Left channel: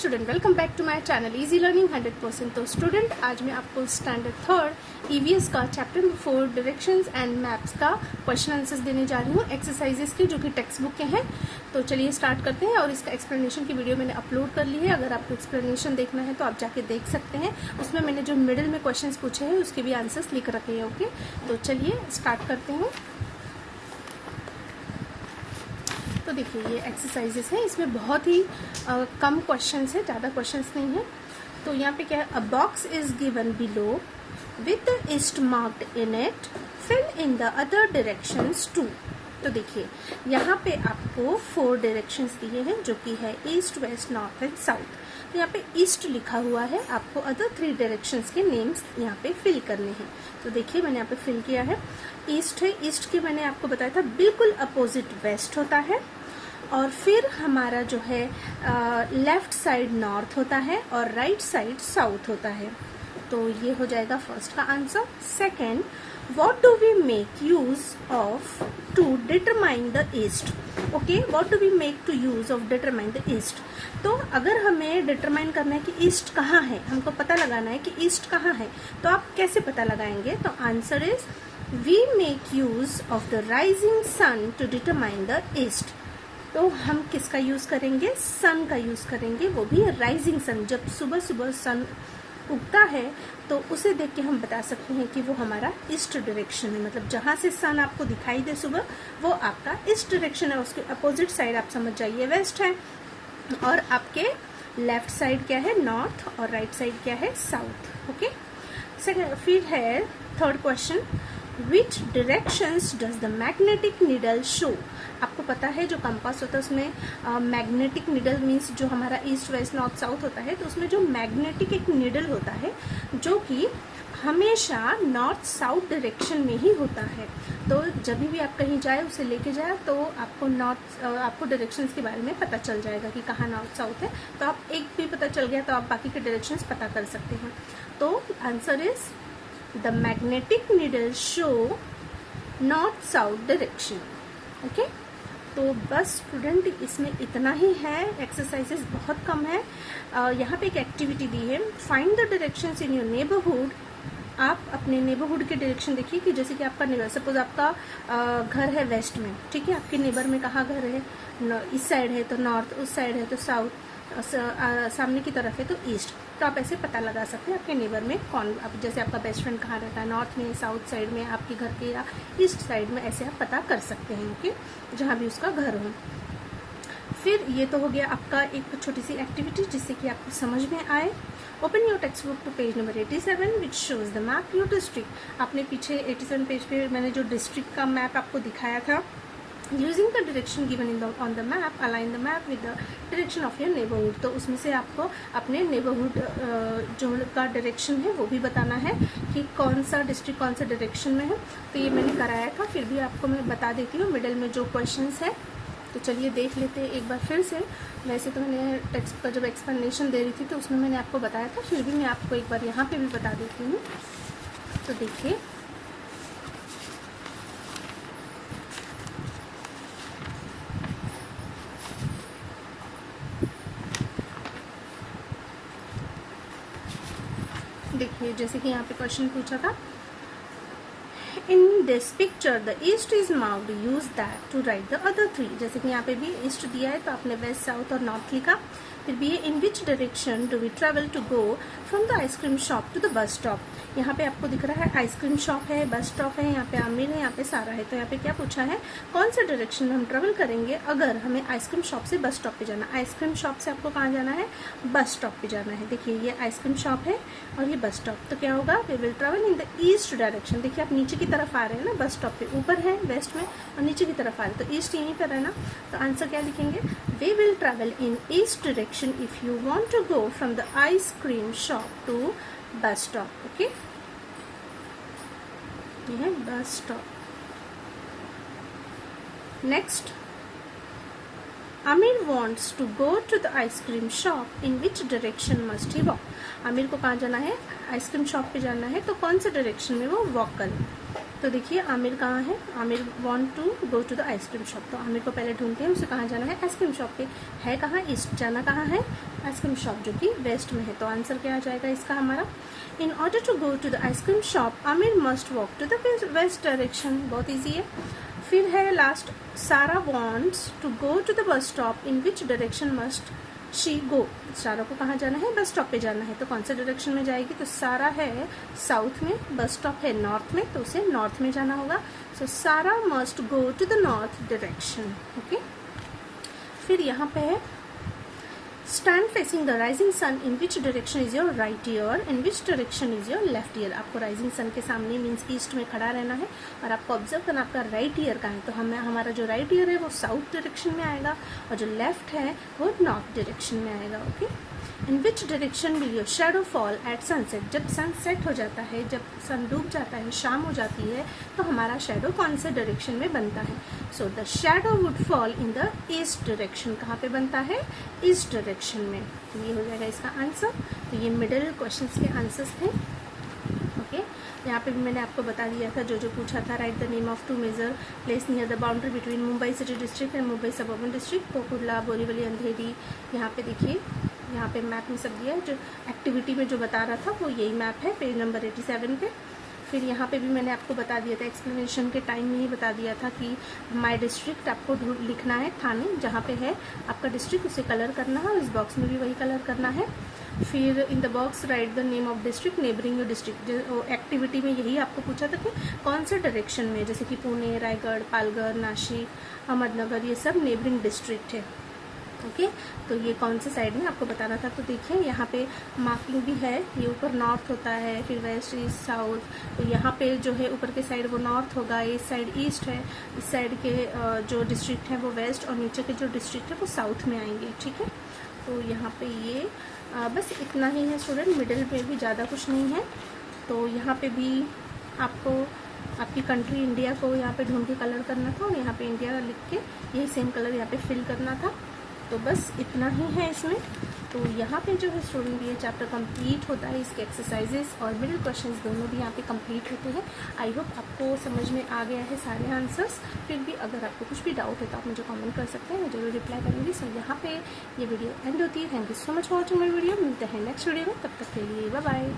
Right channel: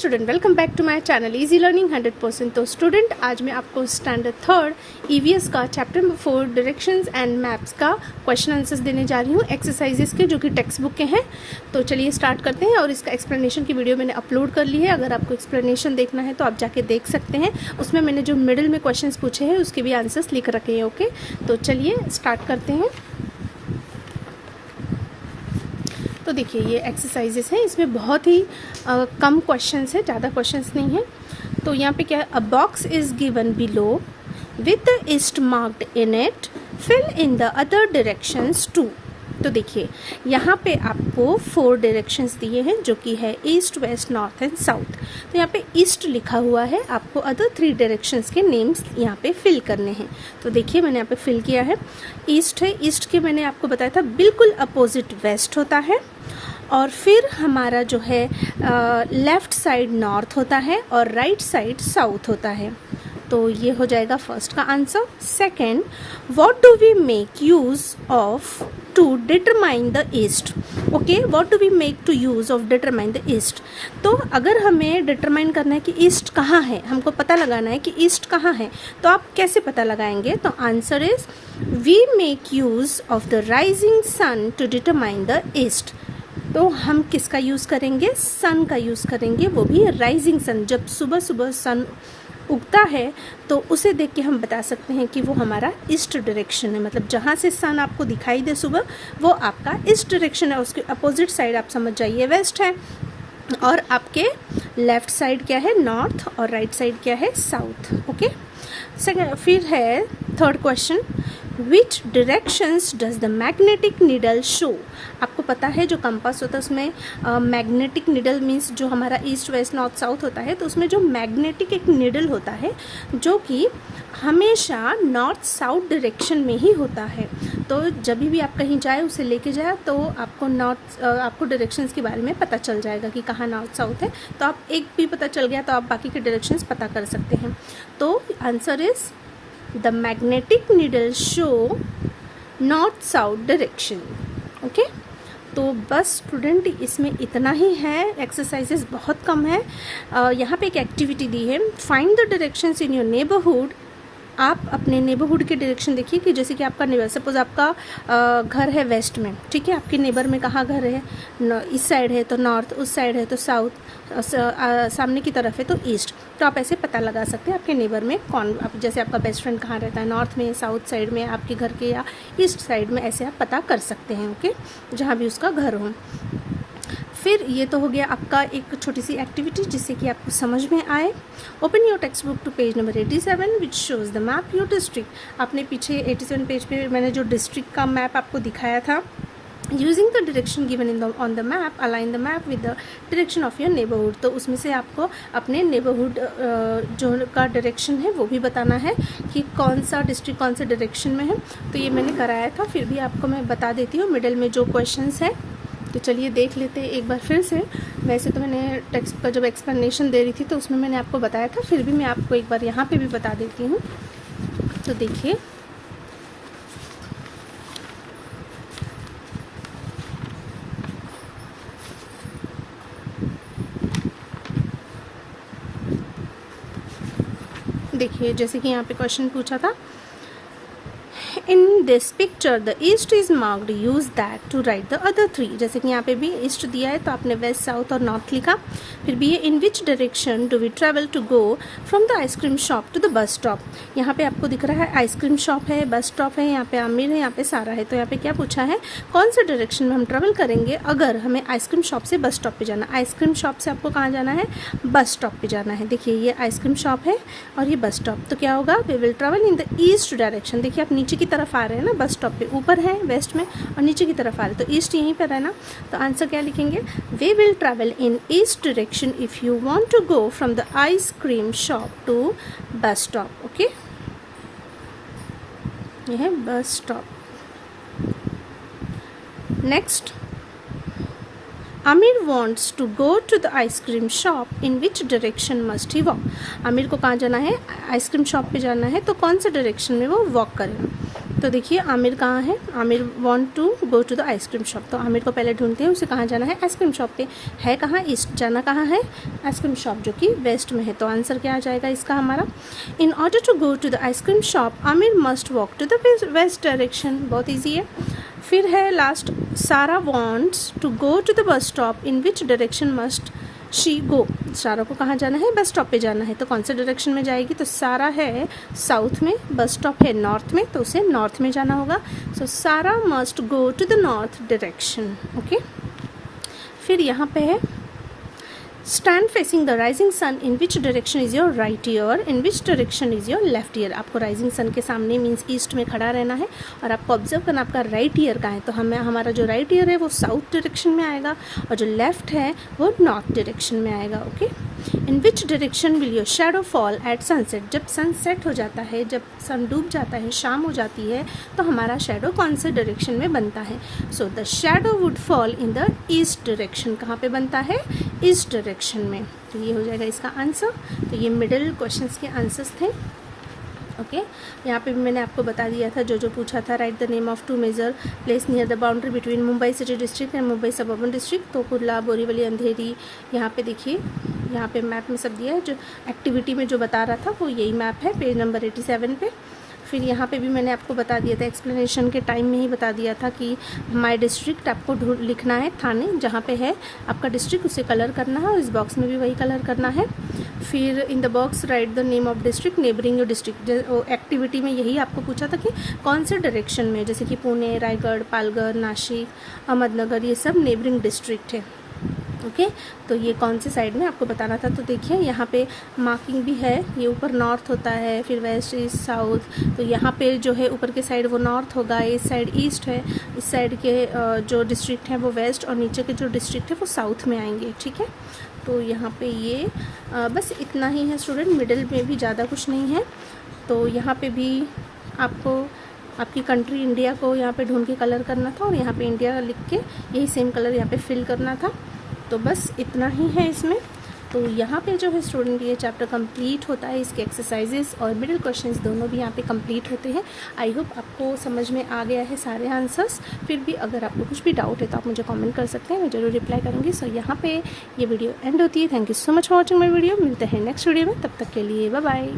Student, welcome back to my channel easy learning 100%। तो student, आज मैं आपको स्टैंडर्ड 3 ईवीएस का chapter number 4 directions and maps का क्वेश्चन आंसर्स देने जा रही हूँ एक्सरसाइजेस के, जो कि टेक्स्ट बुक के हैं। तो चलिए स्टार्ट करते हैं। और इसका एक्सप्लेनेशन की वीडियो मैंने अपलोड कर ली है, अगर आपको एक्सप्लेनेशन देखना है तो आप जाके देख सकते हैं। उसमें मैंने जो मिडिल में क्वेश्चन पूछे हैं उसके भी आंसर्स लिख रखे हैं। ओके, तो चलिए स्टार्ट करते हैं। तो देखिए, ये एक्सरसाइजेस है, इसमें बहुत ही कम क्वेश्चंस है, ज़्यादा क्वेश्चंस नहीं है। तो यहाँ पे क्या है, a box is given below with the east marked in it, fill in the other directions too. तो देखिए, यहाँ पे आपको 4 डायरेक्शंस दिए हैं, जो कि है east, west, north and south. तो यहाँ पे ईस्ट लिखा हुआ है, आपको अदर 3 डायरेक्शंस के नेम्स यहाँ पे फिल करने हैं। तो देखिए, मैंने यहाँ पे फिल किया है। ईस्ट है, ईस्ट के मैंने आपको बताया था बिल्कुल अपोजिट वेस्ट होता है, और फिर हमारा जो है लेफ्ट साइड नॉर्थ होता है और राइट साइड साउथ होता है। तो ये हो जाएगा फर्स्ट का answer. Second, what do we make use of to determine the east. Okay, what do we make to use of determine the east. तो अगर हमें डिटरमाइन करना है कि ईस्ट कहाँ है, हमको पता लगाना है कि ईस्ट कहाँ है, तो आप कैसे पता लगाएंगे। तो answer is we make use of the rising sun to determine the east. तो हम किसका यूज करेंगे, सन का यूज करेंगे, वो भी राइजिंग सन। जब सुबह सुबह सन उगता है तो उसे देख के हम बता सकते हैं कि वो हमारा ईस्ट डायरेक्शन है। मतलब जहाँ से सन आपको दिखाई दे सुबह, वो आपका ईस्ट डायरेक्शन है। उसके अपोजिट साइड आप समझ जाइए वेस्ट है, और आपके लेफ्ट साइड क्या है, नॉर्थ, और राइट साइड क्या है, साउथ। ओके, सेकंड, फिर है third question, which directions does the magnetic needle show. आपको पता है जो कंपास होता है उसमें मैग्नेटिक नीडल मीन्स जो हमारा ईस्ट, वेस्ट, नॉर्थ, साउथ होता है, तो उसमें जो मैग्नेटिक एक नीडल होता है जो कि हमेशा नॉर्थ साउथ डायरेक्शन में ही होता है। तो जब भी आप कहीं जाए, उसे लेके जाए, तो आपको डायरेक्शंस के बारे में पता चल जाएगा कि कहाँ नॉर्थ साउथ है। तो आप एक भी पता चल गया तो आप बाकी के डायरेक्शंस पता कर सकते हैं। तो answer is the magnetic needle show north south direction. Okay, तो बस स्टूडेंट, इसमें इतना ही है। एक्सरसाइजेस बहुत कम है। यहाँ पे एक एक्टिविटी दी है, find the directions in your neighbourhood. आप अपने नेबरहुड के डायरेक्शन देखिए कि जैसे कि आपका नेबर, सपोज आपका घर है वेस्ट में, ठीक है, आपके नेबर में कहाँ घर है, इस साइड है तो नॉर्थ, उस साइड है तो साउथ, सामने की तरफ है तो ईस्ट। तो आप ऐसे पता लगा सकते हैं आपके नेबर में कौन, आप जैसे आपका बेस्ट फ्रेंड कहाँ रहता है, नॉर्थ में, साउथ साइड में, आपके घर के, या ईस्ट साइड में, ऐसे आप पता कर सकते हैं। ओके, जहाँ भी उसका घर हो। फिर ये तो हो गया आपका एक छोटी सी एक्टिविटी जिससे कि आपको समझ में आए। Open your text book to page number 87 which shows the map your district. आपने पीछे 87 पेज पे मैंने जो डिस्ट्रिक्ट का मैप आपको दिखाया था, using the direction given on the map, align the map with the direction of your neighbourhood. तो उसमें से आपको अपने नेबरहुड जो का डायरेक्शन है वो भी बताना है कि कौन सा डिस्ट्रिक्ट कौन सा डायरेक्शन में है। तो ये मैंने कराया था, फिर भी आपको मैं बता देती हूँ मिडिल में जो क्वेश्चंस है। तो चलिए देख लेते हैं एक बार फिर से। वैसे तो मैंने टेक्स्ट का जब एक्सप्लेनेशन दे रही थी तो उसमें मैंने आपको बताया था, फिर भी मैं आपको एक बार यहाँ पे भी बता देती हूँ। तो देखिए, जैसे कि यहाँ पे क्वेश्चन पूछा था, in this picture the east is marked, use that to write the other 3। जैसे कि यहाँ पे भी ईस्ट दिया है तो आपने वेस्ट, साउथ और नॉर्थ लिखा। फिर भी ये in which direction do we travel to go from the ice cream shop to the bus stop. यहाँ पे आपको दिख रहा है आइसक्रीम शॉप है, बस स्टॉप है, यहाँ पे आमिर है, यहाँ पे सारा है। तो यहाँ पे क्या पूछा है, कौन सा डायरेक्शन में हम ट्रेवल करेंगे अगर हमें आइसक्रीम शॉप से बस स्टॉप पे जाना। आइसक्रीम शॉप से आपको कहाँ जाना है, बस स्टॉप पे जाना है। देखिए, ये आइसक्रीम शॉप है और ये बस स्टॉप। तो क्या होगा, we will travel in the east direction. देखिए, आप नीचे की तरफ आ रहे हैं ना, बस स्टॉप पे ऊपर है वेस्ट में और नीचे की तरफ आ रहे हैं, तो ईस्ट यहीं पर है ना। तो आंसर क्या लिखेंगे, we will travel in east direction if you want to go from the ice cream shop to bus stop. Okay, ये है bus stop. Next, Aamir wants to go to the ice cream shop, in which direction must he walk. Aamir को कहाँ जाना है, ice cream shop पे जाना है, तो कौन सा डायरेक्शन में वो वॉक करें। तो देखिए आमिर कहाँ है, Aamir want to go to the ice cream shop. तो आमिर को पहले ढूंढते हैं, उसे कहाँ जाना है, आइसक्रीम शॉप पे। है कहाँ, ईस्ट, जाना कहाँ है, आइसक्रीम शॉप जो कि वेस्ट में है। तो आंसर क्या आ जाएगा इसका हमारा, in order to go to the ice cream shop Aamir must walk to the west direction. बहुत ईजी है। फिर है last, Sara wants to go to the bus stop, in which direction must she go. Sara को कहाँ जाना है, बस स्टॉप पे जाना है। तो कौन से डायरेक्शन में जाएगी, तो सारा है साउथ में, बस स्टॉप है नॉर्थ में, तो उसे नॉर्थ में जाना होगा। So Sara must go to the north direction. Okay, फिर यहाँ पे है stand facing the rising sun, in which direction is your right ear, in which direction is your left ear. आपको राइजिंग सन के सामने मीन्स ईस्ट में खड़ा रहना है और आपको ऑब्जर्व करना आपका राइट ईयर का है। तो हमारा जो राइट ईयर है वो साउथ डायरेक्शन में आएगा और जो लेफ्ट है वो नॉर्थ डायरेक्शन में आएगा। Okay, in which direction will your shadow fall eight sunset. जब सन सेट हो जाता है, जब सन डूब जाता है, शाम हो जाती है, तो हमारा शेडो कौन से डायरेक्शन में बनता है। So the shadow would fall in the east direction. कहाँ पे बनता है, ईस्ट डायरेक्शन में। तो ये हो जाएगा इसका आंसर। तो ये मिडिल क्वेश्चंस के आंसर्स थे। ओके, यहाँ पे भी मैंने आपको बता दिया था जो पूछा था, write the name of two major place near the boundary between Mumbai city district and Mumbai suburban district. तो कुर्ला, बोरीवली, अंधेरी। यहाँ पे देखिए, यहाँ पे मैप में सब दिया है। जो एक्टिविटी में जो बता रहा था वो यही मैप है, पेज नंबर 87 पे। फिर यहाँ पे भी मैंने आपको बता दिया था, एक्सप्लेनेशन के टाइम में ही बता दिया था कि माय डिस्ट्रिक्ट आपको लिखना है, थाने जहाँ पे है आपका डिस्ट्रिक्ट उसे कलर करना है और इस बॉक्स में भी वही कलर करना है। फिर in the box right the name of district neighbouring your district. Activity में यही आपको पूछा था कि कौन से डायरेक्शन में, जैसे कि पुणे, रायगढ़, पालघर, नासिक, अहमदनगर, ये सब नेबरिंग डिस्ट्रिक्ट है। ओके, तो ये कौन से साइड में आपको बताना था। तो देखिए यहाँ पे मार्किंग भी है, ये ऊपर नॉर्थ होता है, फिर वेस्ट, ईस्ट, साउथ। तो यहाँ पे जो है ऊपर के साइड वो नॉर्थ होगा, इस साइड ईस्ट है, इस साइड के जो डिस्ट्रिक्ट हैं वो वेस्ट और नीचे के जो डिस्ट्रिक्ट है वो साउथ में आएंगे। ठीक है, तो यहाँ पे ये बस इतना ही है स्टूडेंट, मिडिल में भी ज़्यादा कुछ नहीं है। तो यहाँ पे भी आपको आपकी कंट्री इंडिया को यहाँ पे ढूंढ के कलर करना था और यहाँ पे इंडिया लिख के यही सेम कलर यहाँ पे फिल करना था। तो बस इतना ही है इसमें। तो यहाँ पे जो है स्टूडेंट ये चैप्टर कंप्लीट होता है, इसके एक्सरसाइजेस और मिडिल क्वेश्चंस दोनों भी यहाँ पे कंप्लीट होते हैं। आई होप आपको समझ में आ गया है सारे आंसर्स। फिर भी अगर आपको कुछ भी डाउट है तो आप मुझे कमेंट कर सकते हैं, मैं जरूर रिप्लाई करूँगी। सो यहाँ पे ये वीडियो एंड होती है। Thank you so much for watching my video. मिलते हैं नेक्स्ट वीडियो में, तब तक के लिए बाय बाय।